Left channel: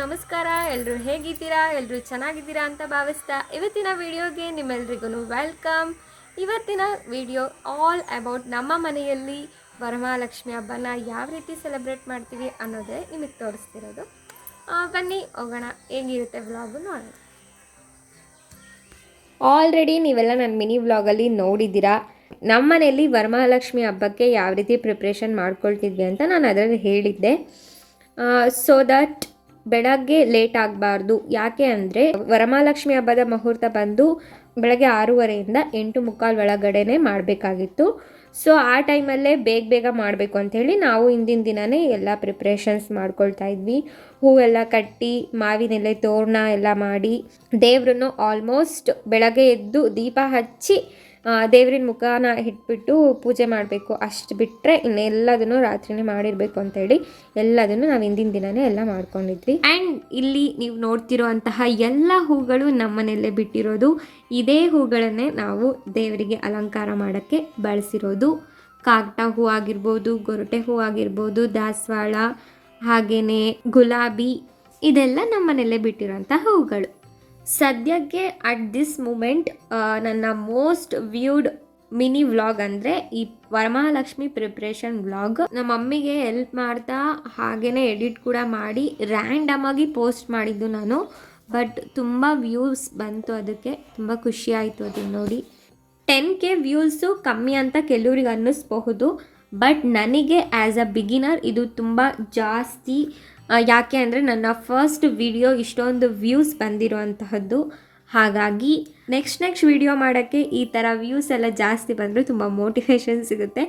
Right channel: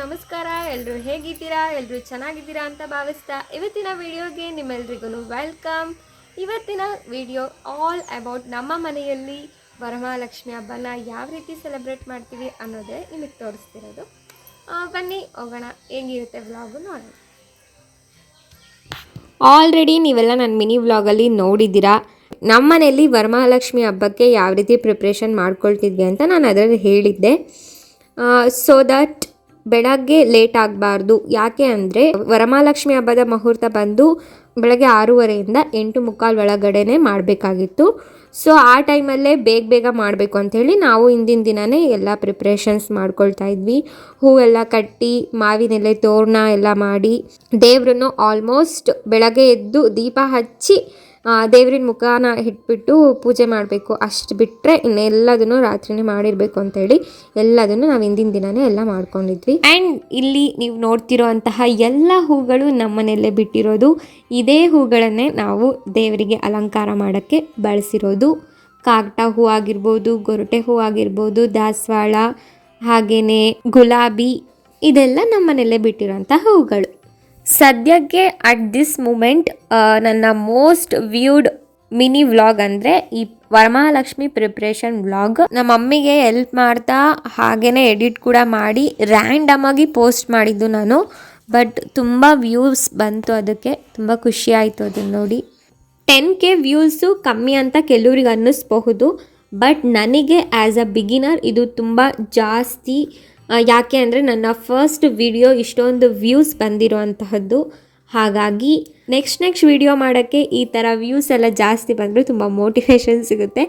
ನಮಸ್ಕಾರ. ಎಲ್ಲರೂ ಹೇಗಿದ್ದೀರಾ? ಎಲ್ಲರೂ ಚೆನ್ನಾಗಿದ್ದೀರಾ ಅಂತ ಭಾವಿಸ್ತಾ ಇವತ್ತಿನ ವಿಡಿಯೋಗೆ ನಿಮ್ಮೆಲ್ರಿಗೂ ವೆಲ್ಕಮ್. ಇವತ್ತಿನ ವಿಡಿಯೋ ಆಲ್ ಅಬೌಟ್ ನಮ್ಮ ಮನೆಯಲ್ಲಿ ವರಮಹಾಲಕ್ಷ್ಮಿ ಹಬ್ಬನ ಯಾವ ರೀತಿ ಸೆಲೆಬ್ರೇಟ್ ಮಾಡ್ತೀವಿ ಅನ್ನೋದೇ ನಿಮಗೆ ತೋರಿಸ್ತಿರೋದು. ಬನ್ನಿ ಹೋಗೋಣ, ಹೇಗಿರುತ್ತೆ ವ್ಲಾಗು ನೋಡೋಣ. ಆಲ್ರೆಡಿ ನೀವೆಲ್ಲ ನನ್ನ ಮಿನಿ ವ್ಲಾಗಲ್ಲಿ ನೋಡಿದ್ದೀರಾ. ನಮ್ಮ ಮನೆಯಲ್ಲಿ ವರಮಹಾಲಕ್ಷ್ಮಿ ಹಬ್ಬಕ್ಕೆ ಯಾವ ರೀತಿ ಪ್ರಿಪ್ರೇಷನ್ ಮಾಡ್ಕೊಳ್ತಿದ್ವಿ ಅಂತ ನಾನು ಅದರಲ್ಲಿ ಹೇಳಿದ್ದೆ. ಸೊ ದಟ್ ಬೆಳಗ್ಗೆ ಲೇಟ್ ಆಗಬಾರ್ದು. ಯಾಕೆ ಅಂದರೆ ವರಮಹಾಲಕ್ಷ್ಮಿ ಹಬ್ಬದ ಮುಹೂರ್ತ ಬಂದು ಬೆಳಗ್ಗೆ 6:30ಇಂದ 8:45 ಒಳಗಡೆ ಮಾಡಬೇಕಾಗಿತ್ತು. ಸೊ ಆ ಟೈಮಲ್ಲೇ ಬೇಗ ಮಾಡಬೇಕು ಅಂಥೇಳಿ ನಾವು ಹಿಂದಿನ ದಿನವೇ ಎಲ್ಲ ಪ್ರಿಪ್ರೇಷನ್ಸ್ ಮಾಡ್ಕೊಳ್ತಾ ಇದ್ವಿ. ಹೂವೆಲ್ಲ ಕಟ್ಟಿ ಮಾವಿನೆಲೆ ತೋರಣ ಎಲ್ಲ ಮಾಡಿ ದೇವ್ರನ್ನು ಆಲ್ಮೋಸ್ಟ್ ಬೆಳಗ್ಗೆ ಎದ್ದು ದೀಪ ಹಚ್ಚಿ ದೇವ್ರಿನ ಮುಖನ ಇಟ್ಬಿಟ್ಟು ಪೂಜೆ ಮಾಡಬೇಕು. ಅಷ್ಟು ಬಿಟ್ಟರೆ ಇನ್ನೆಲ್ಲದನ್ನು ರಾತ್ರಿನೇ ಮಾಡಿರಬೇಕು ಅಂತೇಳಿ ಎಲ್ಲದನ್ನು ನಾವು ಹಿಂದಿನ ದಿನವೇ ಎಲ್ಲ ಮಾಡ್ಕೊಂಡಿದ್ವಿ. ಆ್ಯಂಡ್ ಇಲ್ಲಿ ನೀವು ನೋಡ್ತಿರೋ ಅಂತಹ ಎಲ್ಲ ಹೂಗಳು ನಮ್ಮನೆಯಲ್ಲೇ ಬಿಟ್ಟಿರೋದು. ಇದೇ ಹೂಗಳನ್ನೇ ನಾವು ದೇವರಿಗೆ ಅಲಂಕಾರ ಮಾಡೋಕ್ಕೆ ಬಳಸಿರೋದು. ಕಾಕಡ ಹೂ ಆಗಿರ್ಬೋದು, ಗೊರಟೆ ಹೂ ಆಗಿರ್ಬೋದು, ದಾಸವಾಳ, ಹಾಗೆಯೇ ಗುಲಾಬಿ, ಇದೆಲ್ಲ ನಮ್ಮನೆಯಲ್ಲೇ ಬಿಟ್ಟಿರೋಂಥ ಹೂಗಳು. ಸದ್ಯಕ್ಕೆ ಅಟ್ ದಿಸ್ ಮೂಮೆಂಟ್ ನನ್ನ ಮೋಸ್ಟ್ ವ್ಯೂಡ್ ಮಿನಿ ವ್ಲಾಗ್ ಅಂದರೆ ಈ ವರಮಹಾಲಕ್ಷ್ಮಿ ಪ್ರಿಪ್ರೇಷನ್ ವ್ಲಾಗ್. ನಮ್ಮ ಮಮ್ಮಿಗೆ ಹೆಲ್ಪ್ ಮಾಡ್ತಾ ಹಾಗೆಯೇ ಎಡಿಟ್ ಕೂಡ ಮಾಡಿ ರ್ಯಾಂಡಮಾಗಿ ಪೋಸ್ಟ್ ಮಾಡಿದ್ದು ನಾನು. ಬಟ್ ತುಂಬ ವ್ಯೂಸ್ ಬಂತು, ಅದಕ್ಕೆ ತುಂಬ ಖುಷಿ ಆಯಿತು ಅದನ್ನು ನೋಡಿ. 10K ವ್ಯೂಸು ಕಮ್ಮಿ ಅಂತ ಕೆಲವ್ರಿಗೆ ಅನ್ನಿಸ್ಬಹುದು, ಬಟ್ ನನಗೆ ಆ್ಯಸ್ ಅ ಬಿಗಿನರ್ ಇದು ತುಂಬ ಜಾಸ್ತಿ. ಯಾಕೆ ಅಂದರೆ ನನ್ನ ಫಸ್ಟ್ ವಿಡಿಯೋ ಇಷ್ಟೊಂದು ವ್ಯೂಸ್ ಬಂದಿರೋ ಅಂತಹದ್ದು. ಹಾಗಾಗಿ ನೆಕ್ಸ್ಟ್ ವಿಡಿಯೋ ಮಾಡೋಕ್ಕೆ ಈ ಥರ ವ್ಯೂಸ್ ಎಲ್ಲ ಜಾಸ್ತಿ ಬಂದರೆ ತುಂಬ ಮೋಟಿವೇಶನ್ ಸಿಗುತ್ತೆ.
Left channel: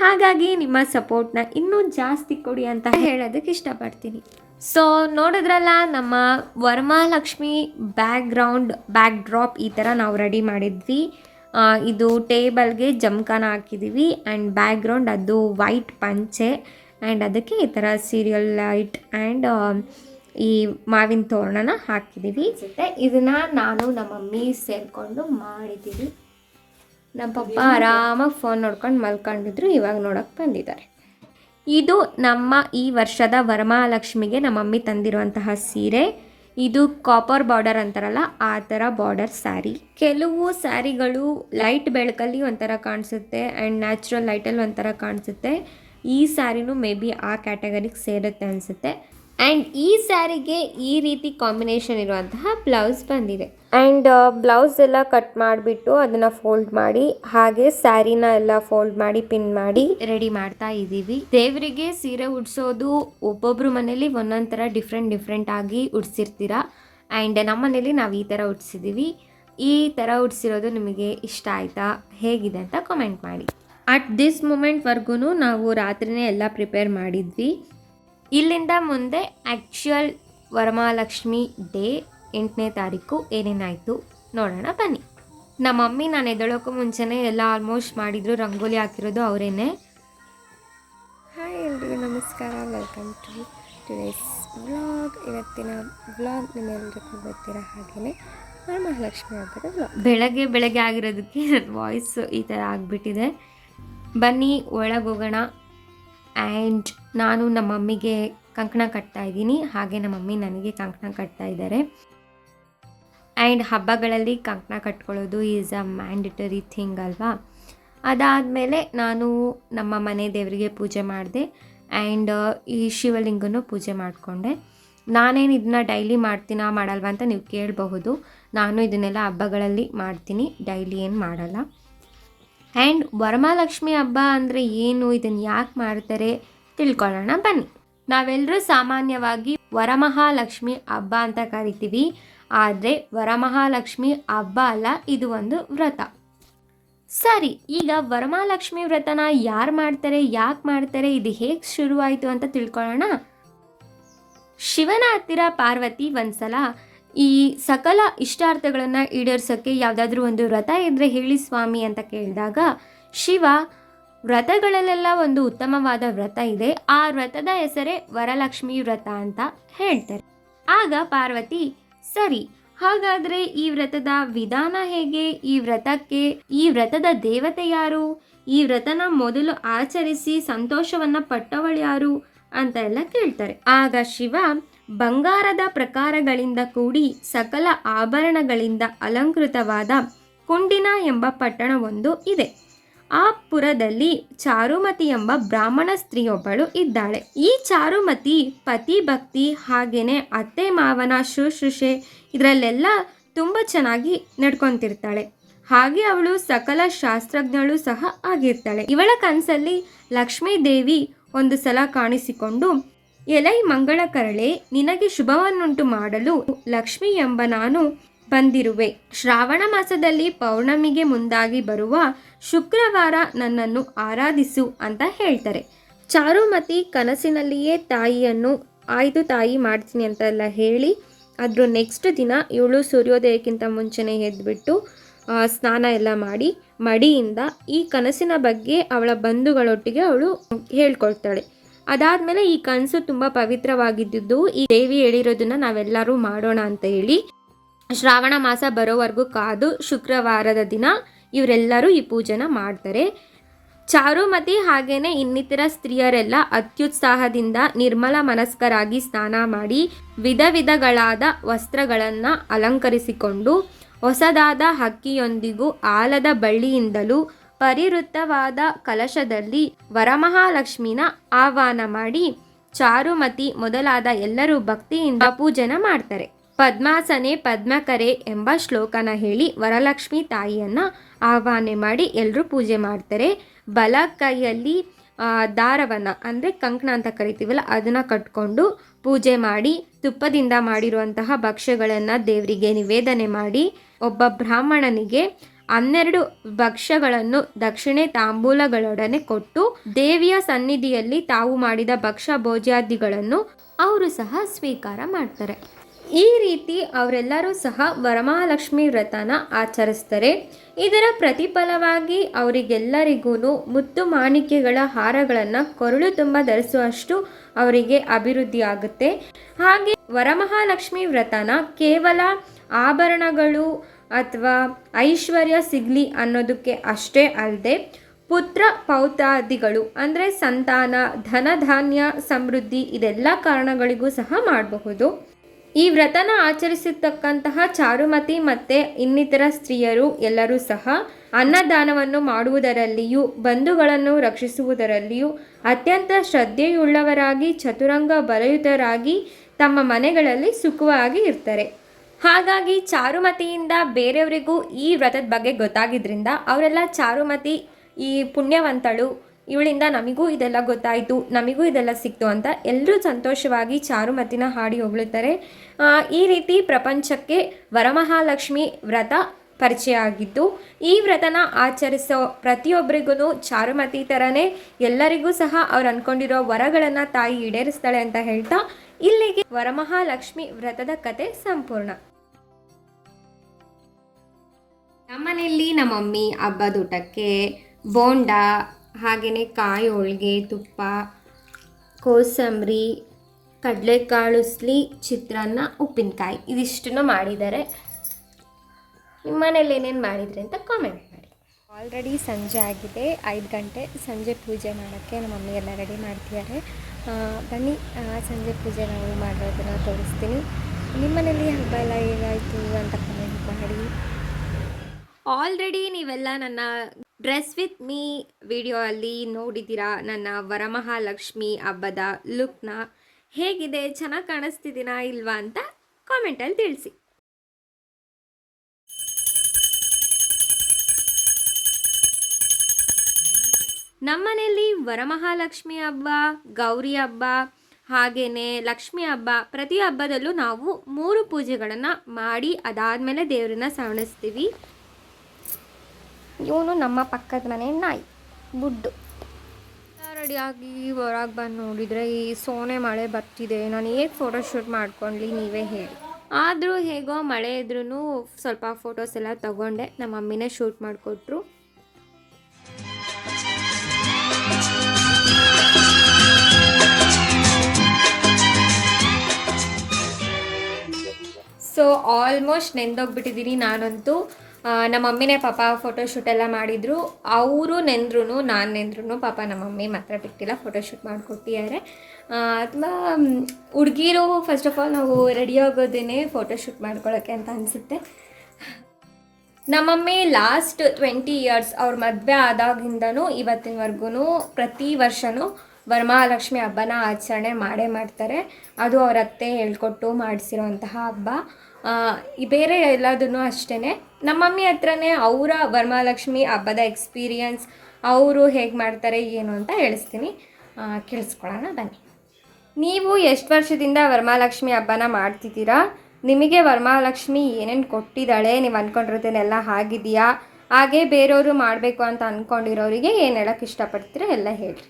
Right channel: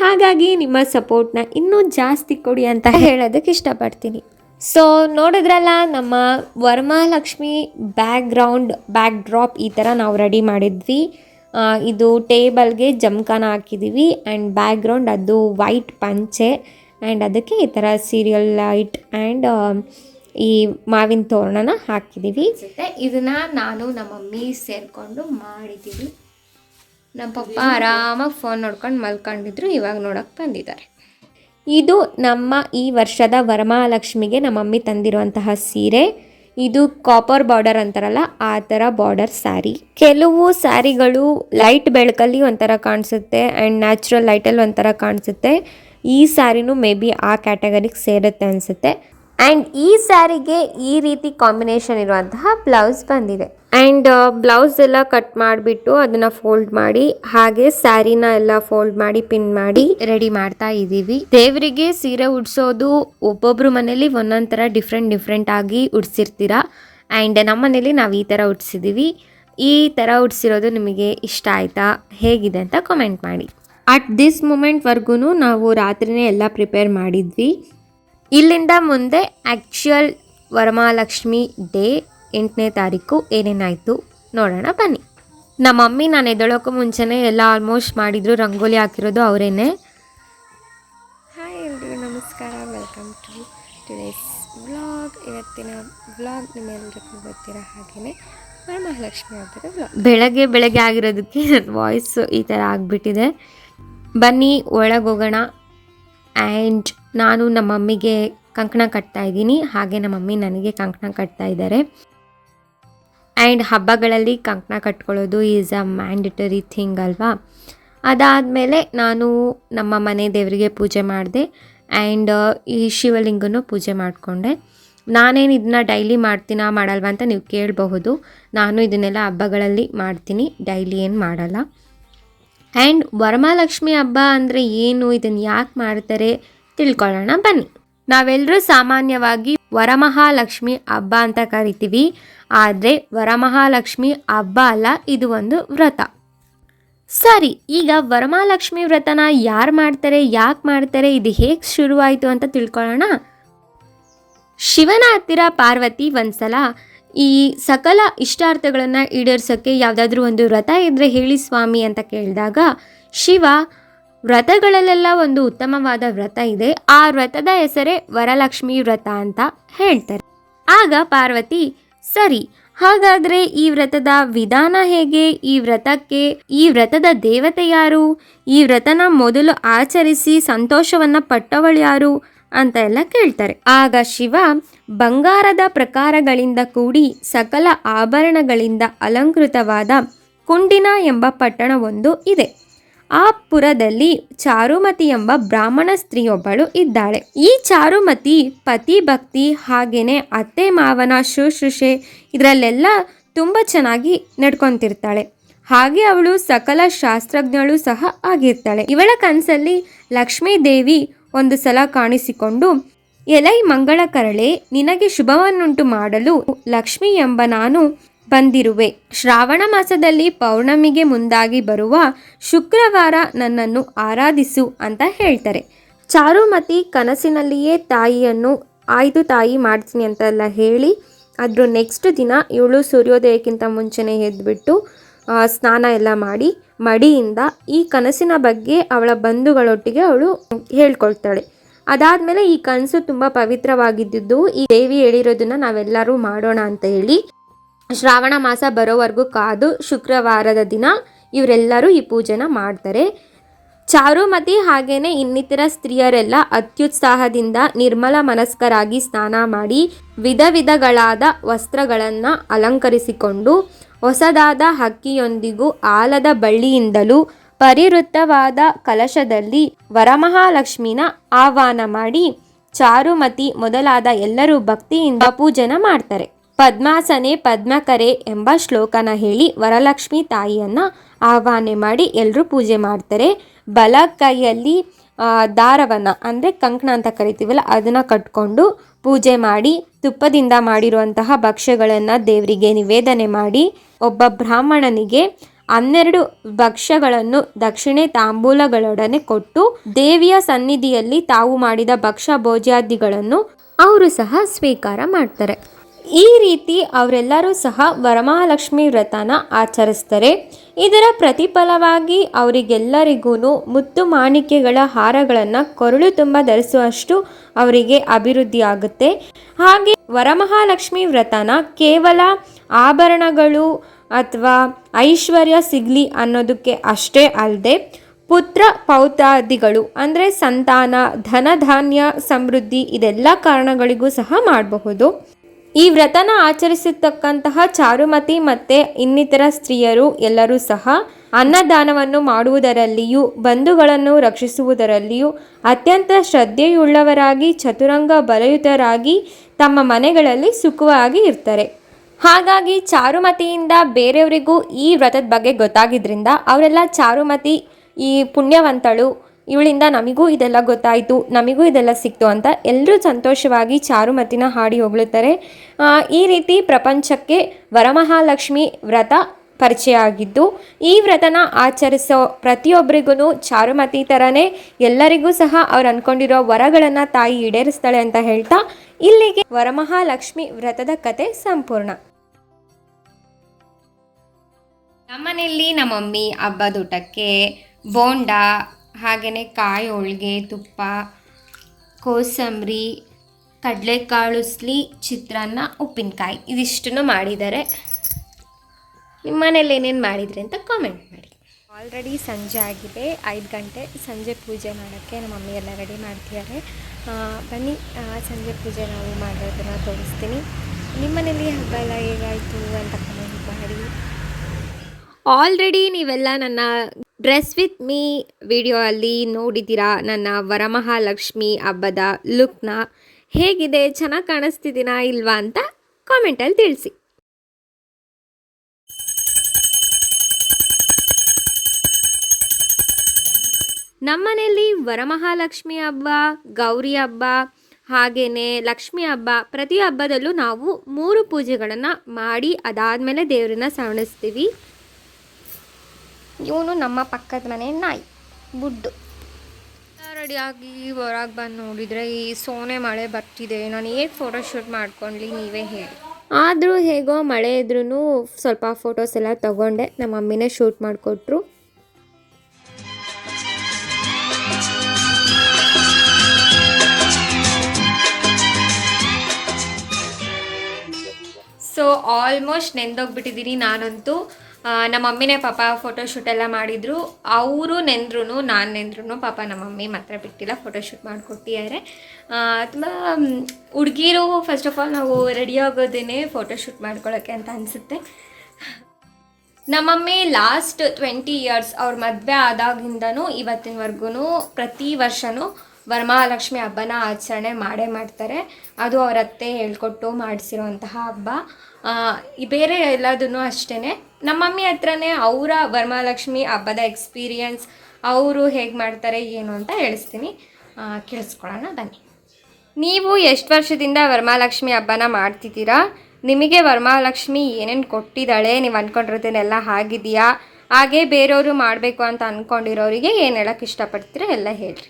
ಹಾಗಾಗಿ ನಿಮ್ಮ ಸಪೋರ್ಟ್ನ ಇನ್ನೂ ಜಾಸ್ತಿ ಕೊಡಿ ಅಂತ ಹೇಳೋದಕ್ಕೆ ಇಷ್ಟಪಡ್ತೀನಿ. ಸೊ ನೋಡಿದ್ರಲ್ಲ, ನಮ್ಮ ವರಮಹಾಲಕ್ಷ್ಮಿ ಬ್ಯಾಕ್ ಡ್ರಾಪ್ ಈ ಥರ ನಾವು ರೆಡಿ ಮಾಡಿದ್ವಿ. ಇದು ಟೇಬಲ್ಗೆ ಜಮ್ಖಾನ ಹಾಕಿದ್ದೀವಿ ಆ್ಯಂಡ್ ಬ್ಯಾಕ್ಗ್ರೌಂಡ್ ಅದು ವೈಟ್ ಪಂಚೆ ಆ್ಯಂಡ್ ಅದಕ್ಕೆ ಈ ಥರ ಸೀರಿಯಲ್ ಲೈಟ್ ಆ್ಯಂಡ್ ಈ ಮಾವಿನ ತೋರಣನ ಹಾಕಿದ್ದೀವಿ. ಇದನ್ನು ನಾನು ನಮ್ಮ ಮಮ್ಮಿ ಸೇರಿಕೊಂಡು ಮಾಡಿದ್ದೀವಿ. ನಮ್ಮ ಪಪ್ಪ ಆರಾಮಾಗಿ ಫೋನ್ ನೋಡ್ಕೊಂಡು ಮಲ್ಕೊಂಡಿದ್ರು, ಇವಾಗ ನೋಡೋಕ್ಕೆ ಬಂದಿದ್ದಾರೆ. ಇದು ನಮ್ಮ ಈ ವರ್ಷದ ವರಮಹಾಲಕ್ಷ್ಮಿಗೆ ನಮ್ಮ ಮಮ್ಮಿ ತಂದಿರುವಂತಹ ಸೀರೆ. ಇದು ಕಾಪರ್ ಬಾರ್ಡರ್ ಅಂತಾರಲ್ಲ ಆ ಥರ ಬಾರ್ಡರ್ ಸ್ಯಾರಿ. ಕೆಲವು ಸ್ಯಾರಿಗಳು ಲೈಟ್ ಬೆಳಕಲ್ಲಿ ಒಂಥರ ಕಾಣಿಸುತ್ತೆ ಆ್ಯಂಡ್ ನ್ಯಾಚುರಲ್ ಲೈಟಲ್ಲಿ ಒಂಥರ ಕಾಣಿಸುತ್ತೆ. ಈ ಸ್ಯಾರಿನೂ ಮೇ ಬಿ ಆ ಕ್ಯಾಟಗರಿಗೆ ಸೇರುತ್ತೆ ಅನಿಸುತ್ತೆ. ಆ್ಯಂಡ್ ಈ ಸ್ಯಾರಿಗೆ ಈ ರೀತಿ ಕಾಂಬಿನೇಷನ್ ಇರುವಂತಹ ಬ್ಲೌಸ್ ಬಂದಿದೆ. ಆ್ಯಂಡ್ ಬ್ಲೌಸ್ ಎಲ್ಲ ಕಟ್ ಮಾಡಿಬಿಟ್ಟು ಅದನ್ನು ಫೋಲ್ಡ್ ಮಾಡಿ ಹಾಗೆ ಸ್ಯಾರಿನ ಎಲ್ಲ ಫೋಲ್ಡ್ ಮಾಡಿ ಪಿನ್ ಮಾಡಿ ರೆಡಿ ಮಾಡ್ತಾ ಇದ್ದೀವಿ. ದೇವರಿಗೆ ಸೀರೆ ಉಡ್ಸೋದು ಒಬ್ಬೊಬ್ರು ಮನೇಲಿ ಒಂದೊಂದು ಥರ ಡಿಫ್ರೆಂಟ್ ಆಗಿ ಉಡ್ಸಿರ್ತೀರ. ಆ್ಯಂಡ್ ನಮ್ಮ ಮನೇಲಿ ನಾವು ಈ ಥರ ಉಡ್ಸಿದ್ದೀವಿ. ಈ ಥರ ಉಡ್ಸಿರೋದು ನಿಮಗೆ ಇಷ್ಟ ಆಯಿತಾ, ಹೇಗಿದೆ ಅಂತ ಕಮೆಂಟ್ ಮಾಡಿ. ಅಟ್ ದಿಸ್ ಮೂಮೆಂಟ್ವರೆಗೂ ನಾವು ರಾತ್ರಿನೇ ಎಲ್ಲ ಪ್ರಿಪೇರ್ ಮಾಡಿದ್ವಿ. ಇಲ್ಲಿಂದ ಮುಂದೆ ಆ್ಯಕ್ಚುಯಲ್ ವರಮಹಾಲಕ್ಷ್ಮಿ ಡೇ 8ನೇ ತಾರೀಕು ಏನೇನಾಯಿತು ನೋಡೋಣ ಬನ್ನಿ. ನಮ್ಮ ಮಮ್ಮಿ ನಾನು ಎದ್ದೇಳೋಕ್ಕೂ ಮುಂಚೆನೇ ಎಲ್ಲ ಆಲ್ಮೋಸ್ಟ್ ಮಾಡಿದ್ರು. ರಂಗೋಲಿ ಹಾಕಿರೋದು ಅವರೇನೆ. ಹಾಯ್ ಎಲ್ರಿಗೂ ನಮಸ್ಕಾರ, ವೆಲ್ಕಮ್ ಟು ಟುಡೇಸ್ ವ್ಲಾಗ್. ಇವತ್ತಿನ ವ್ಲಾಗ್ ನಿಮ್ಮೆಲ್ಲರಿಗೂ ಗೊತ್ತಿರೋ ಹಾಗೆಯೇ ವರಮಹಾಲಕ್ಷ್ಮಿ ಹಬ್ಬದ ವ್ಲಾಗ್. ಬೆಳಗ್ಗೆ ಆಗಿರೋದಕ್ಕೆ ನನ್ನ ವಾಯ್ಸ್ ಈ ಥರ ಆಗಿಬಿಟ್ಟಿದೆ. ಬನ್ನಿ ಒಳಗೆ ಹೋಗೋಣ. ಆ್ಯಂಡ್ ನಾನು ನಮ್ಮ ಮಮ್ಮಿಗೆ ಕಂಕಣ ಕಟ್ತಾ ಇದ್ದೀನಿ, ಹಾಗೆ ನಮ್ಮ ಮಮ್ಮಿ ನನಗೆ ಕಂಕಣ ಕಟ್ತಾ ಇದ್ದಾರೆ. ಆ್ಯಂಡ್ ಹಬ್ಬಗಳಲ್ಲಿ ಕಂಕಣ ಕಟ್ಕೊಳ್ಳೋದು ಈಸ್ ಅ ಮ್ಯಾಂಡೇಟರಿ ಥಿಂಗ್ ಅಲ್ವಾ. ಅದಾದಮೇಲೆ ನಾನು ನಮ್ಮ ಮನೆ ದೇವರಿಗೆ ಪೂಜೆ ಮಾಡಿದೆ ಆ್ಯಂಡ್ ಈ ಶಿವಲಿಂಗನೂ ಪೂಜೆ ಮಾಡಿಕೊಂಡೆ. ನಾನೇನು ಇದನ್ನ ಡೈಲಿ ಮಾಡ್ತೀನಾ ಮಾಡಲ್ವಾ ಅಂತ ನೀವು ಕೇಳಬಹುದು. ನಾನು ಇದನ್ನೆಲ್ಲ ಹಬ್ಬಗಳಲ್ಲಿ ಮಾಡ್ತೀನಿ, ಡೈಲಿ ಏನು ಮಾಡಲ್ಲ. ಆ್ಯಂಡ್ ವರಮಹಾಲಕ್ಷ್ಮಿ ಹಬ್ಬ ಅಂದರೆ ಏನು, ಇದನ್ನು ಯಾಕೆ ಮಾಡ್ತಾರೆ ತಿಳ್ಕೊಳ್ಳೋಣ ಬನ್ನಿ. ನಾವೆಲ್ಲರೂ ಸಾಮಾನ್ಯವಾಗಿ ವರಮಹಾಲಕ್ಷ್ಮಿ ಹಬ್ಬ ಅಂತ ಕರಿತೀವಿ, ಆದರೆ ವರಮಹಾಲಕ್ಷ್ಮಿ ಹಬ್ಬ ಅಲ್ಲ, ಇದು ಒಂದು ವ್ರತ. ಸರಿ, ಈಗ ವರಮಹಾಲಕ್ಷ್ಮಿ ವ್ರತನ ಯಾರು ಮಾಡ್ತಾರೆ, ಯಾಕೆ ಮಾಡ್ತಾರೆ, ಇದು ಹೇಗೆ ಶುರುವಾಯಿತು ಅಂತ ತಿಳ್ಕೊಳ್ಳೋಣ. ಶಿವನ ಹತ್ತಿರ ಪಾರ್ವತಿ ಒಂದ್ಸಲ ಈ ಸಕಲ ಇಷ್ಟಾರ್ಥಗಳನ್ನು ಈಡೇರಿಸೋಕ್ಕೆ ಯಾವುದಾದ್ರೂ ಒಂದು ವ್ರತ ಇದ್ದರೆ ಹೇಳಿ ಸ್ವಾಮಿ ಅಂತ ಕೇಳಿದಾಗ ಶಿವ ವ್ರತಗಳಲ್ಲೆಲ್ಲ ಒಂದು ಉತ್ತಮವಾದ ವ್ರತ ಇದೆ, ಆ ವ್ರತದ ಹೆಸರೇ ವರಲಕ್ಷ್ಮಿ ವ್ರತ ಅಂತ ಹೇಳ್ತಾರೆ. ಆಗ ಪಾರ್ವತಿ ಸರಿ, ಹಾಗಾದರೆ ಈ ವ್ರತದ ವಿಧಾನ ಹೇಗೆ, ಈ ವ್ರತದ ದೇವತೆ ಯಾರು, ಈ ವ್ರತನ ಮೊದಲು ಆಚರಿಸಿ ಸಂತೋಷವನ್ನು ಪಟ್ಟವಳು ಯಾರು ಅಂತ ಎಲ್ಲ ಕೇಳ್ತಾರೆ. ಆಗ ಶಿವ ಬಂಗಾರದ ಪ್ರಕಾರಗಳಿಂದ ಕೂಡಿ ಸಕಲ ಆಭರಣಗಳಿಂದ ಅಲಂಕೃತವಾದ ಕುಂಡಿನ ಎಂಬ ಪಟ್ಟಣವೊಂದು ಇದೆ. ಆ ಪುರದಲ್ಲಿ ಚಾರುಮತಿ ಎಂಬ ಬ್ರಾಹ್ಮಣ ಸ್ತ್ರೀಯೊಬ್ಬಳು ಇದ್ದಾಳೆ. ಈ ಚಾರುಮತಿ ಪತಿ ಭಕ್ತಿ ಹಾಗೇನೆ ಅತ್ತೆ ಮಾವನ ಶುಶ್ರೂಷೆ ಇದರಲ್ಲೆಲ್ಲ ತುಂಬ ಚೆನ್ನಾಗಿ ನಡ್ಕೊತಿರ್ತಾಳೆ. ಹಾಗೆ ಅವಳು ಸಕಲ ಶಾಸ್ತ್ರಜ್ಞಳು ಸಹ ಆಗಿರ್ತಾಳೆ. ಇವಳ ಕನಸಲ್ಲಿ ಲಕ್ಷ್ಮೀ ದೇವಿ ಒಂದು ಸಲ ಕಾಣಿಸಿಕೊಂಡು, ಎಲೈ ಮಂಗಳ ಕರಳೆ, ನಿನಗೆ ಶುಭವನ್ನುಂಟು ಮಾಡಲು ಲಕ್ಷ್ಮಿ ಎಂಬ ನಾನು ಬಂದಿರುವೆ. ಶ್ರಾವಣ ಮಾಸದಲ್ಲಿ ಪೌರ್ಣಮಿಗೆ ಮುಂದಾಗಿ ಬರುವ ಶುಕ್ರವಾರ ನನ್ನನ್ನು ಆರಾಧಿಸು ಅಂತ ಹೇಳ್ತಾರೆ. ಚಾರುಮತಿ ಕನಸಿನಲ್ಲಿಯೇ ತಾಯಿಯನ್ನು ಆಯ್ತು ತಾಯಿ ಮಾಡ್ತೀನಿ ಅಂತೆಲ್ಲ ಹೇಳಿ ಅದ್ರ ನೆಕ್ಸ್ಟ್ ದಿನ ಇವಳು ಸೂರ್ಯೋದಯಕ್ಕಿಂತ ಮುಂಚೆನೇ ಎದ್ದುಬಿಟ್ಟು ಸ್ನಾನ ಎಲ್ಲ ಮಾಡಿ ಮಡಿಯಿಂದ ಈ ಕನಸಿನ ಬಗ್ಗೆ ಅವಳ ಬಂಧುಗಳೊಟ್ಟಿಗೆ ಅವಳು ಹೇಳ್ಕೊಳ್ತಾಳೆ. ಅದಾದಮೇಲೆ ಈ ಕನಸು ತುಂಬ ಪವಿತ್ರವಾಗಿದ್ದು ಈ ದೇವಿ ಹೇಳಿರೋದನ್ನ ನಾವೆಲ್ಲರೂ ಮಾಡೋಣ ಅಂತ ಹೇಳಿ ಶ್ರಾವಣ ಮಾಸ ಬರೋವರೆಗೂ ಕಾದು ಶುಕ್ರವಾರದ ದಿನ ಇವರೆಲ್ಲರೂ ಈ ಪೂಜೆನ ಮಾಡ್ತಾರೆ. ಚಾರುಮತಿ ಹಾಗೇನೆ ಇನ್ನಿತರ ಸ್ತ್ರೀಯರೆಲ್ಲ ಅತ್ಯುತ್ಸಾಹದಿಂದ ನಿರ್ಮಲ ಮನಸ್ಕರಾಗಿ ಸ್ನಾನ ಮಾಡಿ ವಿಧ ವಿಧಗಳಾದ ವಸ್ತ್ರಗಳನ್ನು ಅಲಂಕರಿಸಿಕೊಂಡು ಹೊಸದಾದ ಹಕ್ಕಿಯೊಂದಿಗೂ ಆಲದ ಬಳ್ಳಿಯಿಂದಲೂ ಪರಿವೃತ್ತವಾದ ಕಲಶದಲ್ಲಿ ವರಮಹಾಲಕ್ಷ್ಮಿನ ಆಹ್ವಾನ ಮಾಡಿ ಚಾರುಮತಿ ಮೊದಲಾದ ಎಲ್ಲರೂ ಭಕ್ತಿಯಿಂದ ಪೂಜನ ಮಾಡ್ತಾರೆ. ಪದ್ಮಾಸನೆ ಪದ್ಮಕರೆ ಎಂಬ ಶ್ಲೋಕನ ಹೇಳಿ ವರಲಕ್ಷ್ಮಿ ತಾಯಿಯನ್ನ ಆಹ್ವಾನ ಮಾಡಿ ಎಲ್ಲರೂ ಪೂಜೆ ಮಾಡ್ತಾರೆ. ಬಲ ಕೈಯಲ್ಲಿ ದಾರವನ್ನು ಅಂದರೆ ಕಂಕಣ ಅಂತ ಕರಿತೀವಲ್ಲ ಅದನ್ನು ಕಟ್ಕೊಂಡು ಪೂಜೆ ಮಾಡಿ ತುಪ್ಪದಿಂದ ಮಾಡಿರುವಂತಹ ಭಕ್ಷ್ಯಗಳನ್ನು ದೇವರಿಗೆ ನಿವೇದನೆ ಮಾಡಿ ಒಬ್ಬ ಬ್ರಾಹ್ಮಣನಿಗೆ 12 ಭಕ್ಷ್ಯಗಳನ್ನು ದಕ್ಷಿಣೆ ತಾಂಬೂಲಗಳೊಡನೆ ಕೊಟ್ಟು ದೇವಿಯ ಸನ್ನಿಧಿಯಲ್ಲಿ ತಾವು ಮಾಡಿದ ಭಕ್ಷ್ಯ ಭೋಜ್ಯಾದಿಗಳನ್ನು ಅವರು ಸಹ ಸ್ವೀಕಾರ ಮಾಡ್ತಾರೆ. ಈ ರೀತಿ ಅವರೆಲ್ಲರೂ ಸಹ ವರಮಹಾಲಕ್ಷ್ಮಿ ವ್ರತನ ಆಚರಿಸ್ತಾರೆ. ಇದರ ಪ್ರತಿಫಲವಾಗಿ ಅವರಿಗೆಲ್ಲರಿಗೂ ಮುತ್ತು ಮಾಣಿಕ್ಯಗಳ ಹಾರಗಳನ್ನು ಕೊರಳು ತುಂಬ ಧರಿಸುವಷ್ಟು ಅವರಿಗೆ ಅಭಿವೃದ್ಧಿ ಆಗುತ್ತೆ. ಹಾಗೆ ವರಮಹಾಲಕ್ಷ್ಮಿ ವ್ರತನ ಕೇವಲ ಆಭರಣಗಳು ಅಥವಾ ಐಶ್ವರ್ಯ ಸಿಗಲಿ ಅನ್ನೋದಕ್ಕೆ ಅಷ್ಟೇ ಅಲ್ಲದೆ ಪುತ್ರ ಪೌತ್ರಾದಿಗಳು ಅಂದರೆ ಸಂತಾನ ಧನಧಾನ್ಯ ಸಮೃದ್ಧಿ ಇದೆಲ್ಲ ಕಾರಣಗಳಿಗೂ ಸಹ ಮಾಡಬಹುದು. ಈ ವ್ರತನ ಆಚರಿಸತಕ್ಕಂತಹ ಚಾರುಮತಿ ಮತ್ತು ಇನ್ನಿತರ ಸ್ತ್ರೀಯರು ಎಲ್ಲರೂ ಸಹ ಅನ್ನದಾನವನ್ನು ಮಾಡುವುದರಲ್ಲಿಯೂ ಬಂಧುಗಳನ್ನು ರಕ್ಷಿಸುವುದರಲ್ಲಿಯೂ ಅತ್ಯಂತ ಶ್ರದ್ಧೆಯುಳ್ಳವರಾಗಿ ಚತುರಂಗ ಬಲಯುತರಾಗಿ ತಮ್ಮ ಮನೆಗಳಲ್ಲಿ ಸುಖವಾಗಿ ಇರ್ತಾರೆ. ಹಾಗಾಗಿ ಚಾರುಮತಿಯಿಂದ ಬೇರೆಯವರಿಗೂ ಈ ವ್ರತದ ಬಗ್ಗೆ ಗೊತ್ತಾಗಿದ್ದರಿಂದ ಅವರೆಲ್ಲ ಚಾರುಮತಿ ಈ ಪುಣ್ಯವಂತಳು, ಇವಳಿಂದ ನಮಗೂ ಇದೆಲ್ಲ ಗೊತ್ತಾಯಿತು, ನಮಗೂ ಇದೆಲ್ಲ ಸಿಕ್ತು ಅಂತ ಎಲ್ಲರೂ ಸಂತೋಷವಾಗಿ ಚಾರುಮತಿನ ಹಾಡಿ ಹೊಗಳುತ್ತಾರೆ. ಈ ರೀತಿ ಪ್ರಪಂಚಕ್ಕೆ ವರಮಹಾಲಕ್ಷ್ಮಿ ವ್ರತ ಪರಿಚಯ ಆಗಿದ್ದು ಈ ವ್ರತನ ಆಚರಿಸೋ ಪ್ರತಿಯೊಬ್ಬರಿಗೂ ಚಾರುಮತಿ ಥರನೇ ಎಲ್ಲರಿಗೂ ಸಹ ಅವ್ರು ಅಂದ್ಕೊಂಡಿರೋ ವರಗಳನ್ನು ತಾಯಿ ಈಡೇರಿಸ್ತಾಳೆ ಅಂತ ಹೇಳ್ತಾ ಇಲ್ಲಿಗೆ ವರಮಹಾಲಕ್ಷ್ಮಿ ವ್ರತದ ಕತೆ ಸಂಪೂರ್ಣ. ನಮ್ಮನೆಯಲ್ಲಿ ನಮ್ಮ ಮಮ್ಮಿ ಹಬ್ಬದೂಟಕ್ಕೆ ಬೋಂಡ ಹಾಗೆಯೇ ಕಾಯಿ ಹೋಳಿಗೆ, ತುಪ್ಪ, ಕೋಸಂಬರಿ, ಕಡಲೆಕಾಳು ಉಸ್ಲಿ, ಚಿತ್ರಾನ್ನ, ಉಪ್ಪಿನಕಾಯಿ ಇದಿಷ್ಟನ್ನು ಮಾಡಿದ್ದಾರೆ. ನಿಮ್ಮ ಮನೇಲಿ ಏನೇನು ಮಾಡಿದ್ರಿ ಅಂತ ಕಾಮೆಂಟ್ ಮಾಡಿ. ಆಲ್ರೆಡಿ ಸಂಜೆ ಆಗಿದೆ, 5 ಗಂಟೆ. ಸಂಜೆ ಪೂಜೆ ಮಾಡೋಕ್ಕೆ ನಮ್ಮ ಮಮ್ಮಿ ಎಲ್ಲ ರೆಡಿ ಮಾಡ್ತಿದ್ದಾರೆ. ಬನ್ನಿ ಸಂಜೆ ಪೂಜೆ ನಾವು ಮಾಡೋದನ್ನು ತೋರಿಸ್ತೀನಿ. ನಿಮ್ಮ ಮನೇಲಿ ಹಬ್ಬ ಎಲ್ಲ ಹೇಗಾಯಿತು ಅಂತ ಕಮೆಂಟ್ ಮಾಡಿ. ಆಲ್ರೆಡಿ ನೀವೆಲ್ಲ ನನ್ನ ಡ್ರೆಸ್ ವಿತ್ ಮೀ ವಿಡಿಯೋ ಅಲ್ಲಿ ನೋಡಿದ್ದೀರಾ ನನ್ನ ವರಮಹಾಲಕ್ಷ್ಮಿ ಹಬ್ಬದ ಲುಕ್ನ. ಹೇಗಿದೆ, ಚೆನ್ನಾಗಿ ಕಾಣಿಸ್ತಿದ್ದೀನಾ ಇಲ್ವಾ ಅಂತ ಕಾಮೆಂಟಲ್ಲಿ ತಿಳಿಸಿ. ನಮ್ಮನೆಯಲ್ಲಿ ವರಮಹಾಲಕ್ಷ್ಮಿ ಹಬ್ಬ, ಗೌರಿ ಹಬ್ಬ ಹಾಗೆಯೇ ಲಕ್ಷ್ಮಿ ಹಬ್ಬ ಪ್ರತಿ ಹಬ್ಬದಲ್ಲೂ ನಾವು 3 ಪೂಜೆಗಳನ್ನು ಮಾಡಿ ಅದಾದಮೇಲೆ ದೇವರನ್ನ ಸವಣಿಸ್ತೀವಿ. ಇವನು ನಮ್ಮ ಪಕ್ಕದ ಮನೆ ನಾಯಿ ಬುಡ್ಡು. ರೆಡಿಯಾಗಿ ಹೊರಗೆ ಬಂದು ನೋಡಿದರೆ ಈ ಸೋನೆ ಮಳೆ ಬರ್ತಿದೆ. ನಾನು ಹೇಗೆ ಫೋಟೋಶೂಟ್ ಮಾಡ್ಕೊಳ್ಳಿ ನೀವೇ ಹೇಳಿ. ಆದರೂ ಹೇಗೋ ಮಳೆ ಇದ್ರೂ ಸ್ವಲ್ಪ ಫೋಟೋಸ್ ಎಲ್ಲ ತೊಗೊಂಡೆ. ನಮ್ಮ ಮಮ್ಮಿನೇ ಶೂಟ್ ಮಾಡಿಕೊಟ್ರು. ಸೊ ಆಲ್ಮೋಸ್ಟ್ ನೆಂದೋಗ್ಬಿಟ್ಟಿದ್ದೀನಿ ನಾನಂತೂ. ನಮ್ಮ ಮಮ್ಮಿನೇ ಪಾಪ ಫೋಟೋಶೂಟ್ ಎಲ್ಲ ಮಾಡಿದರು. ಅವರು ನೆಂದ್ರು, ನಾನು ನೆಂದ್ರು ಪಾಪ ನಮ್ಮ ಮಮ್ಮಿ ಮಾತ್ರ ಬಿಟ್ಟಿಲ್ಲ, ಫೋಟೋಶೂಟ್ ಮಾಡಿಕೊಟ್ಟಿದ್ದಾರೆ. ತುಂಬ ಹುಡುಗಿರು ಫಸ್ಟ್ ಆಫ್ ಆಲ್ ನಾವು ರೆಡಿ ಆಗೋದೇ ಫೋಟೋಶೂಟ್ ಮಾಡ್ಕೊಳ್ಳೋಕ್ಕೆ ಅಂತ ಅನಿಸುತ್ತೆ. ನಮ್ಮಮ್ಮಿ ಲಾಸ್ಟ್ 20 ಇಯರ್ಸ್ ಅವ್ರ ಮದುವೆ ಆದಾಗಿಂದನೂ ಇವತ್ತಿನವರೆಗೂ ಪ್ರತಿ ವರ್ಷವೂ ವರಮಹಾಲಕ್ಷ್ಮಿ ಹಬ್ಬನ ಆಚರಣೆ ಮಾಡ್ತಾರೆ. ಅದು ಅವ್ರ ಅತ್ತೆ ಹೇಳ್ಕೊಟ್ಟು ಮಾಡಿಸಿರೋಂತಹ ಹಬ್ಬ. ಬೇರೆ ಎಲ್ಲದೂ ಅಷ್ಟೇ. ನಮ್ಮಮ್ಮಿ ಹತ್ರನೇ ಅವರ ವರಮಹಾಲಕ್ಷ್ಮಿ ಹಬ್ಬದ ಎಕ್ಸ್ಪೀರಿಯನ್ಸ್, ಅವರು ಹೇಗೆ ಮಾಡ್ತಾರೆ ಏನು ಅಂತ ಹೇಳಿಸ್ತೀನಿ, ಕೇಳಿಸ್ಕೊಳ್ಳೋಣ ಬನ್ನಿ. ನೀವು ಎಷ್ಟು ವರ್ಷದಿಂದ ವರಮಹಾಲಕ್ಷ್ಮಿ ಹಬ್ಬನ ಮಾಡ್ತಿದ್ದೀರಾ? ನಿಮಗೆ ವರಮಹಾಲಕ್ಷ್ಮಿ ಏನೇನು ಕೊಟ್ಟಿದ್ದಾಳೆ? ನೀವು ಅಂದ್ಕೊಂಡಿರೋದನ್ನೆಲ್ಲ ಆಗಿದೆಯಾ? ಹಾಗೆ ಬೇರೆಯವರು ಮಾಡಬೇಕು ಅಂತ ಅಂದ್ಕೊಂಡಿರೋರಿಗೆ ಏನು ಹೇಳೋಕ್ಕೆ ಇಷ್ಟಪಡ್ತೀರಾ ಎಲ್ಲ ಹೇಳ್ರಿ.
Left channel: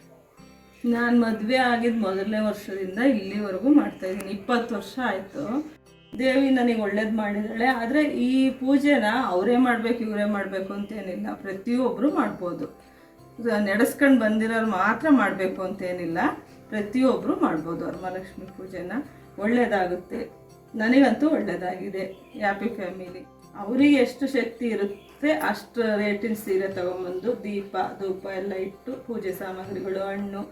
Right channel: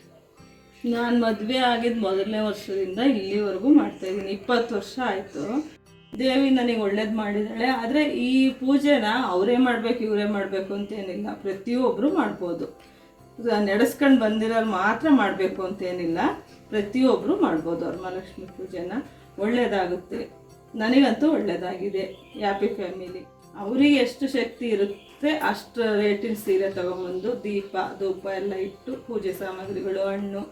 ನಾನು ಮದುವೆ ಆಗಿದ್ದು ಮೊದಲನೇ ವರ್ಷದಿಂದ ಇಲ್ಲಿವರೆಗೂ ಮಾಡ್ತಾಯಿದ್ದೀನಿ. 20 ವರ್ಷ ಆಯಿತು. ದೇವಿ ನನಗೆ ಒಳ್ಳೇದು ಮಾಡಿದ್ದಾಳೆ. ಆದರೆ ಈ ಪೂಜೆನ ಅವರೇ ಮಾಡಬೇಕು ಇವರೇ ಮಾಡಬೇಕು ಅಂತೇನಿಲ್ಲ, ಪ್ರತಿಯೊಬ್ಬರು ಮಾಡ್ಬೋದು. ನಡೆಸ್ಕೊಂಡು ಬಂದಿರೋರು ಮಾತ್ರ ಮಾಡಬೇಕು ಅಂತೇನಿಲ್ಲ, ಪ್ರತಿಯೊಬ್ಬರು ಮಾಡ್ಬೋದು ವರಮಹಾಲಕ್ಷ್ಮಿ ಪೂಜೆನ. ಒಳ್ಳೆಯದಾಗುತ್ತೆ. ನನಗಂತೂ ಒಳ್ಳೆಯದಾಗಿದೆ. Happy family. ಅವರಿಗೆ ಎಷ್ಟು ಶಕ್ತಿ ಇರುತ್ತೆ ಅಷ್ಟು ರೇಟಿನ ಸೀರೆ ತೊಗೊಂಬಂದು ದೀಪ ಧೂಪ ಎಲ್ಲ ಇಟ್ಟು ಪೂಜೆ ಸಾಮಗ್ರಿಗಳು ಹಣ್ಣು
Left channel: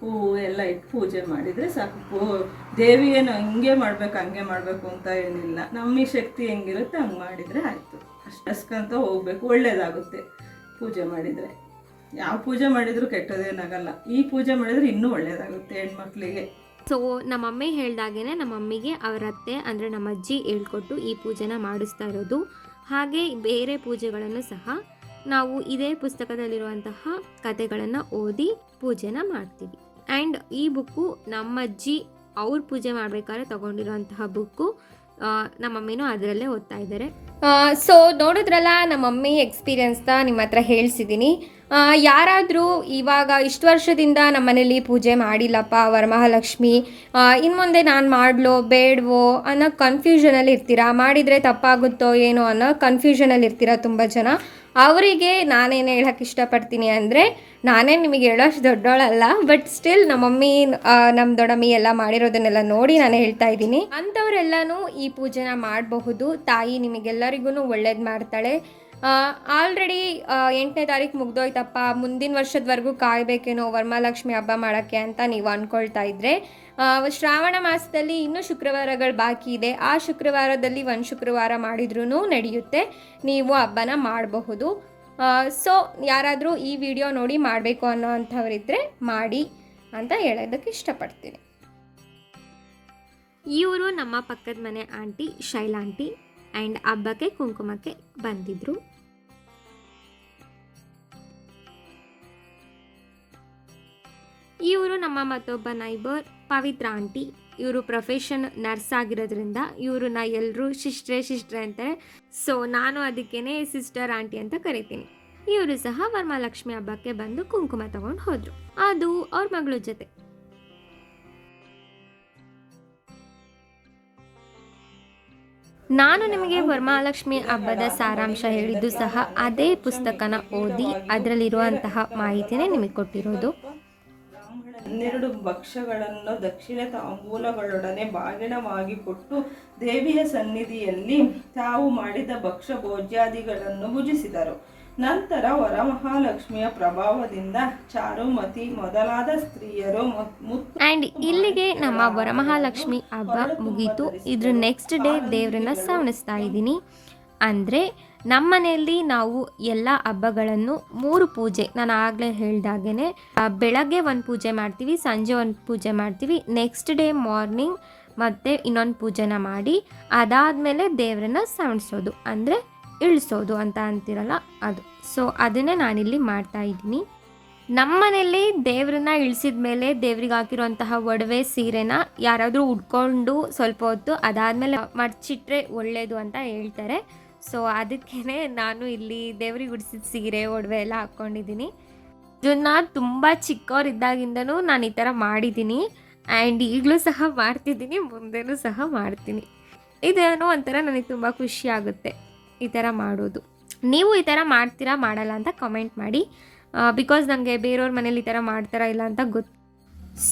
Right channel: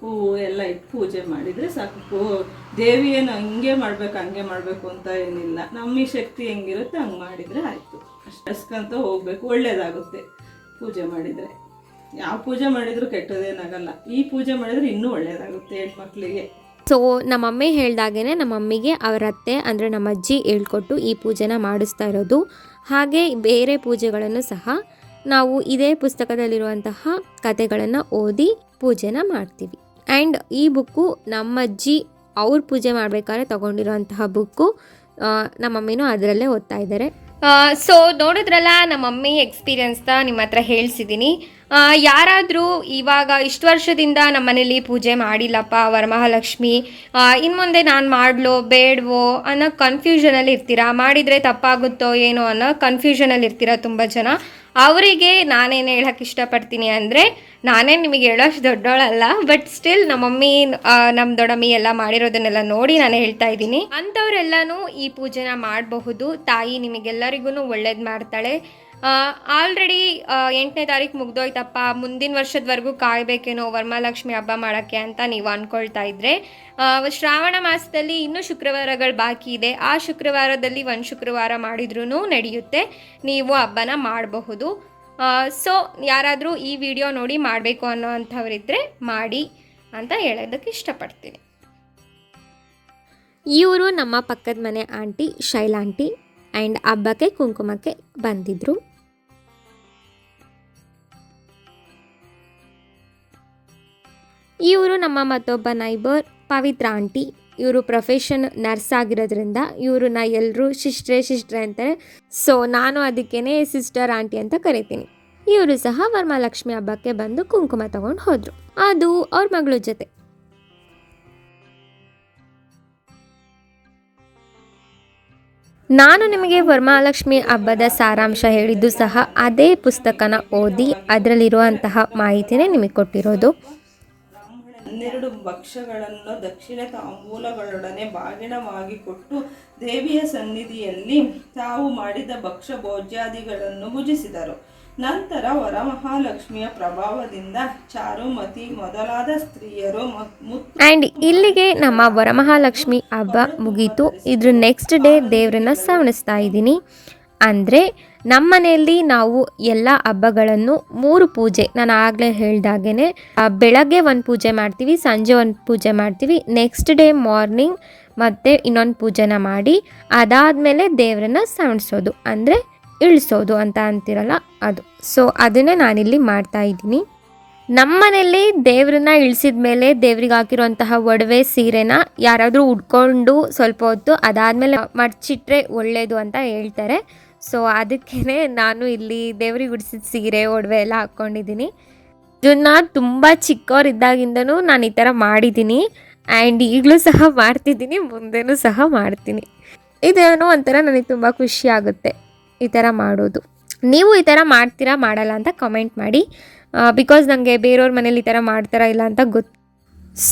ಹೂವು ಎಲ್ಲ ಇಟ್ಟು ಪೂಜೆ ಮಾಡಿದರೆ ಸಾಕು. ದೇವಿ ಏನು ಹಂಗೆ ಮಾಡಬೇಕು ಅಂತ ಏನಿಲ್ಲ. ನಮ್ಮ ಶಕ್ತಿ ಹೆಂಗಿರುತ್ತೆ ಹಂಗೆ ಮಾಡಿದರೆ ಆಯಿತು. ಅಷ್ಟಕ್ಕಂತ ಹೋಗಬೇಕು. ಒಳ್ಳೆಯದಾಗುತ್ತೆ ಪೂಜೆ ಮಾಡಿದರೆ. ಯಾವ ಪೂಜೆ ಮಾಡಿದರೂ ಕೆಟ್ಟದೇನಾಗಲ್ಲ. ಈ ಪೂಜೆ ಮಾಡಿದರೆ ಇನ್ನೂ ಒಳ್ಳೆಯದಾಗುತ್ತೆ ಹೆಣ್ಮಕ್ಳಿಗೆ. ಸೊ ನಮ್ಮಮ್ಮಿ ಹೇಳ್ದಾಗೇ ನಮ್ಮಮ್ಮಿಗೆ ಅವರ ಅತ್ತೆ ಅಂದರೆ ನಮ್ಮ ಅಜ್ಜಿ ಹೇಳ್ಕೊಟ್ಟು ಈ ಪೂಜೆನ ಮಾಡಿಸ್ತಾ ಇರೋದು. ಹಾಗೆ ಬೇರೆ ಪೂಜೆಗಳನ್ನು ಸಹ ನಾವು ಇದೇ ಪುಸ್ತಕದಲ್ಲಿರುವಂತಹ ಕಥೆಗಳನ್ನು ಓದಿ ಪೂಜೆನ ಮಾಡ್ತೀವಿ. ಆ್ಯಂಡ್ ಈ ಬುಕ್ಕು ನಮ್ಮಜ್ಜಿ ಅವ್ರ ಪೂಜೆ ಮಾಡಬೇಕಾದ್ರೆ ತೊಗೊಂಡಿರೋಂತಹ ಬುಕ್ಕು. ನಮ್ಮಮ್ಮಿನೂ ಅದರಲ್ಲೇ ಓದ್ತಾ ಇದ್ದಾರೆ. ಸೊ ನೋಡಿದ್ರಲ್ಲ ನಮ್ಮ ಮಮ್ಮಿ ಎಕ್ಸ್ಪೀರಿಯನ್ಸ್ನ ನಿಮ್ಮ ಹತ್ರ ಹೇಳ್ಸಿದ್ದೀನಿ. ಯಾರಾದರೂ ಇವಾಗ ಇಷ್ಟು ವರ್ಷದಿಂದ ನಮ್ಮ ಮನೇಲಿ ಪೂಜೆ ಮಾಡಿಲ್ಲಪ್ಪ ವರಮಹಾಲಕ್ಷ್ಮಿ, ಇನ್ನು ಮುಂದೆ ನಾನು ಮಾಡಲೋ ಬೇಡವೋ ಅನ್ನೋ ಕನ್ಫ್ಯೂಷನಲ್ಲಿ ಇರ್ತೀರಾ, ಮಾಡಿದರೆ ತಪ್ಪಾಗುತ್ತೋ ಏನೋ ಅನ್ನೋ ಕನ್ಫ್ಯೂಷನಲ್ಲಿ ಇರ್ತೀರಾ ತುಂಬ ಜನ. ಅವರಿಗೆ ನಾನೇನು ಹೇಳೋಕ್ಕೆ ಇಷ್ಟಪಡ್ತೀನಿ ಅಂದರೆ, ನಾನೇ ನಿಮಗೆ ಹೇಳೋಷ್ಟು ದೊಡ್ಡೋಳಲ್ಲ, ಬಟ್ ಸ್ಟಿಲ್ ನಮ್ಮ ಮಮ್ಮಿ ನಮ್ಮ ದೊಡ್ಡಮ್ಮಿ ಎಲ್ಲ ಮಾಡಿರೋದನ್ನೆಲ್ಲ ನೋಡಿ ನಾನು ಹೇಳ್ತಾ ಇದ್ದೀನಿ. ಅಂಥವರೆಲ್ಲನೂ ಈ ಪೂಜೆನ ಮಾಡಬಹುದು. ತಾಯಿ ನಿಮಗೆಲ್ಲರಿಗೂ ಒಳ್ಳೇದು ಮಾಡ್ತಾಳೆ. ಆಲ್ರೆಡಿ 8ನೇ ತಾರೀಕು ಮುಗ್ದೋಯ್ತಪ್ಪ, ಮುಂದಿನ ವರ್ಷದವರೆಗೂ ಕಾಯಬೇಕೇನೋ ವರಮಹಾಲಕ್ಷ್ಮಿ ಹಬ್ಬ ಮಾಡೋಕ್ಕೆ ಅಂತ ನೀವು ಅಂದ್ಕೊಳ್ತಾ ಇದ್ದರೆ, ಶ್ರಾವಣ ಮಾಸದಲ್ಲಿ ಇನ್ನೂ ಶುಕ್ರವಾರಗಳು ಬಾಕಿ ಇದೆ. ಆ ಶುಕ್ರವಾರದಲ್ಲಿ ಒಂದು ಶುಕ್ರವಾರ ಮಾಡಿದ್ರೂ ನಡೆಯುತ್ತೆ. ನೀವು ಹಬ್ಬನ ಮಾಡಬಹುದು. ಸೊ ಯಾರಾದರೂ ಈ ವಿಡಿಯೋ ನೋಡಿ ಮಾಡಬೇಕು ಅನ್ನೋ ಅಂಥವರಿದ್ದರೆ ಮಾಡಿ ಅಂತ ಹೇಳೋದಕ್ಕೆ ಇಷ್ಟಪಡ್ತೀನಿ. ಇವರು ನಮ್ಮ ಪಕ್ಕದ ಮನೆ ಆಂಟಿ ಶೈಲಾ ಆಂಟಿ. ಆ್ಯಂಡ್ ಹಬ್ಬಕ್ಕೆ ಕುಂಕುಮಕ್ಕೆ ಬಂದಿದ್ದರು. ಇವರು ನಮ್ಮ ಮತ್ತೊಬ್ಬ ನೈಬರ್ ಪವಿತ್ರ ಆಂಟಿ. ಇವರು ಪ್ರೊಫೆಷನ್ ನರ್ಸ್ ಆಗಿರೋದ್ರಿಂದ ಇವ್ರನ್ನ ಎಲ್ಲರೂ ಸಿಸ್ಟ್ರೆ ಅಂತಾರೆ. ಸೊ ನಾನು ಅದಕ್ಕೇ ಸಿಸ್ಟರ್ ಆಂಟಿ ಅಂತ ಕರಿತೀನಿ. ಇವರು ಸಹ ವರಮಹಾಲಕ್ಷ್ಮಿ ಹಬ್ಬಕ್ಕೆ ಬಂದು ಕುಂಕುಮ ತಗೊಂಡು ಹೋದರು, ಅದು ಅವ್ರ ಮಗಳ ಜೊತೆ. ನಾನು ನಿಮಗೆ ವರಮಹಾಲಕ್ಷ್ಮಿ ಹಬ್ಬದ ಸಾರಾಂಶ ಹೇಳಿದ್ದು ಸಹ ಅದೇ ಪುಸ್ತಕನ ಓದಿ ಅದರಲ್ಲಿರುವಂತಹ ಮಾಹಿತಿನೇ ನಿಮಗೆ ಕೊಟ್ಟಿರೋದು. 12 ಭಕ್ಷ್ಯಗಳನ್ನು ದಕ್ಷಿಣ ತಾಂಬೂಲಗಳೊಡನೆ ಬಾಗಿಣವಾಗಿ ಕೊಟ್ಟು ದೇವಿಯ ಸನ್ನಿಧಿಯಲ್ಲಿ ತಾವು ಮಾಡಿದ ಭಕ್ಷ್ಯ ಭೋಜ್ಯಾದಿಗಳನ್ನು ಭುಜಿಸಿದರು. ನಂತರ ವರಮಹಾಲಕ್ಷ್ಮಿಯ ಪ್ರಭಾವದಿಂದ ಚಾರುಮತಿ ಮೊದಲಾದ ಸ್ತ್ರೀಯರು ಆ್ಯಂಡ್ ಇಲ್ಲಿಗೆ ನಮ್ಮ ವರಮಹಾಲಕ್ಷ್ಮಿ ಹಬ್ಬ ಮುಗೀತು. ಇದ್ರ ನೆಕ್ಸ್ಟ್ ಡೇ ದೇವರನ್ನ ಸವಣಿಸ್ತಾ ಇದ್ದೀನಿ. ಅಂದರೆ ನಮ್ಮ ಮನೆಯಲ್ಲಿ ನಾವು ಎಲ್ಲ ಹಬ್ಬಗಳನ್ನು 3 ಪೂಜೆ, ನಾನು ಆಗಲೇ ಹೇಳ್ದಾಗೇ ಬೆಳಗ್ಗೆ ಒಂದು ಪೂಜೆ ಮಾಡ್ತೀವಿ, ಸಂಜೆ ಒಂದು ಪೂಜೆ ಮಾಡ್ತೀವಿ, ನೆಕ್ಸ್ಟ್ ಡೇ ಮಾರ್ನಿಂಗ್ ಮತ್ತು ಇನ್ನೊಂದು ಪೂಜೆನ ಮಾಡಿ ಅದಾದಮೇಲೆ ದೇವರನ್ನ ಸವಣಿಸೋದು, ಅಂದರೆ ಇಳಿಸೋದು ಅಂತ ಅಂತಿರಲ್ಲ ಅದು. ಸೊ ಅದನ್ನೇ ನಾನಿಲ್ಲಿ ಮಾಡ್ತಾ ಇದ್ದೀನಿ. ನಮ್ಮ ಮನೆಯಲ್ಲಿ ದೇವ್ರನ್ನ ಇಳಿಸಿದ ಮೇಲೆ ದೇವ್ರಿಗೆ ಹಾಕಿರುವಂತಹ ಒಡವೆ ಸೀರೆನ ಯಾರಾದರೂ ಉಟ್ಕೊಂಡು ಸ್ವಲ್ಪ ಹೊತ್ತು ಅದಾದಮೇಲೆ ಮಡಚಿಟ್ರೆ ಒಳ್ಳೆಯದು ಅಂತ ಹೇಳ್ತಾರೆ. ಸೊ ಅದಕ್ಕೇ ನಾನು ಇಲ್ಲಿ ದೇವ್ರಿಗೆ ಉಡಿಸಿದ ಸೀರೆ ಒಡವೆ ಎಲ್ಲ ಹಾಕ್ಕೊಂಡಿದ್ದೀನಿ. ಇದನ್ನು ತುಂಬ ಚಿಕ್ಕವರಿದ್ದಾಗಿಂದನೂ ನಾನು ಈ ಥರ ಮಾಡಿದ್ದೀನಿ. ಆ್ಯಂಡ್ ಈಗಲೂ ಸಹ ಮಾಡ್ತಿದ್ದೀನಿ, ಮುಂದೆನೂ ಸಹ ಮಾಡ್ತೀನಿ. ಇದೇನೋ ಒಂಥರ ನನಗೆ ತುಂಬ ಖುಷಿ ಆಗುತ್ತೆ ಈ ಥರ ಮಾಡೋದು. ನೀವು ಈ ಥರ ಮಾಡ್ತೀರಾ ಮಾಡಲ್ಲ ಅಂತ ಕಮೆಂಟ್ ಮಾಡಿ, ಬಿಕಾಸ್ ನನಗೆ ಬೇರೆಯವ್ರ ಮನೇಲಿ ಈ ಥರ ಮಾಡ್ತಾರಾ ಇಲ್ಲ ಅಂತ ಗೊತ್ತು.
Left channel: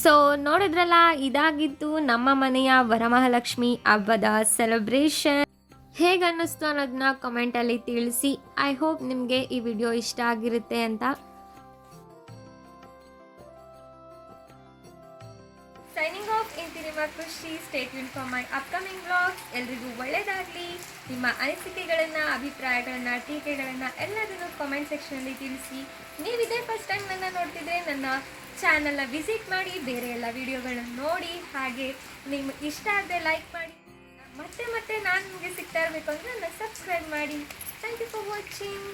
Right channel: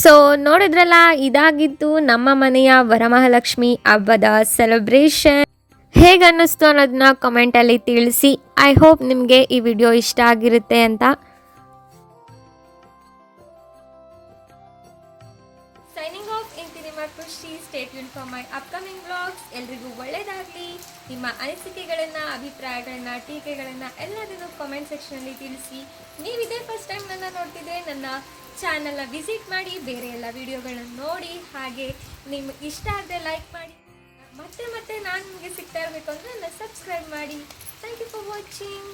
ಸೊ ನೋಡಿದ್ರಲ್ಲ, ಇದಾಗಿತ್ತು ನಮ್ಮ ಮನೆಯ ವರಮಹಾಲಕ್ಷ್ಮಿ ಹಬ್ಬದ ಸೆಲೆಬ್ರೇಷನ್. ಹೇಗೆ ಅನ್ನಿಸ್ತು ಅನ್ನೋದನ್ನ ಕಮೆಂಟಲ್ಲಿ ತಿಳಿಸಿ. ಐ ಹೋಪ್ ನಿಮಗೆ ಈ ವಿಡಿಯೋ ಇಷ್ಟ ಆಗಿರುತ್ತೆ ಅಂತ. ಖುಷಿ. Stay tune for my upcoming vlogs. ಎಲ್ರಿಗೂ ಒಳ್ಳೆಯದಾಗಲಿ. ನಿಮ್ಮ ಅನಿಸಿಕೆಗಳನ್ನು, ಅಭಿಪ್ರಾಯಗಳನ್ನು, ಟೀಕೆಗಳನ್ನು ಎಲ್ಲದನ್ನು ಕಾಮೆಂಟ್ ಸೆಕ್ಷನಲ್ಲಿ ತಿಳಿಸಿ. ನೀವು ಇದೇ ಫಸ್ಟ್ ಟೈಮ್ ನನ್ನ ನೋಡ್ತಿದ್ರೆ ನನ್ನ ಚಾನಲ್ನ ವಿಸಿಟ್ ಮಾಡಿ, ಬೇರೆ ಎಲ್ಲ ವೀಡಿಯೋಗಳನ್ನ ನೋಡಿ. ಹಾಗೆ ನಿಮ್ಗೆ ಇಷ್ಟ ಆದರೆ ಲೈಕ್ ಮಾಡಿ. ಮತ್ತೆ ನಾನು ನಿಮಗೆ ಸಿಗ್ತಾ ಇರಬೇಕು ಅಂದರೆ ನನ್ನ ಸಬ್ಸ್ಕ್ರೈಬ್ ಮಾಡಿ. Thank you for watching.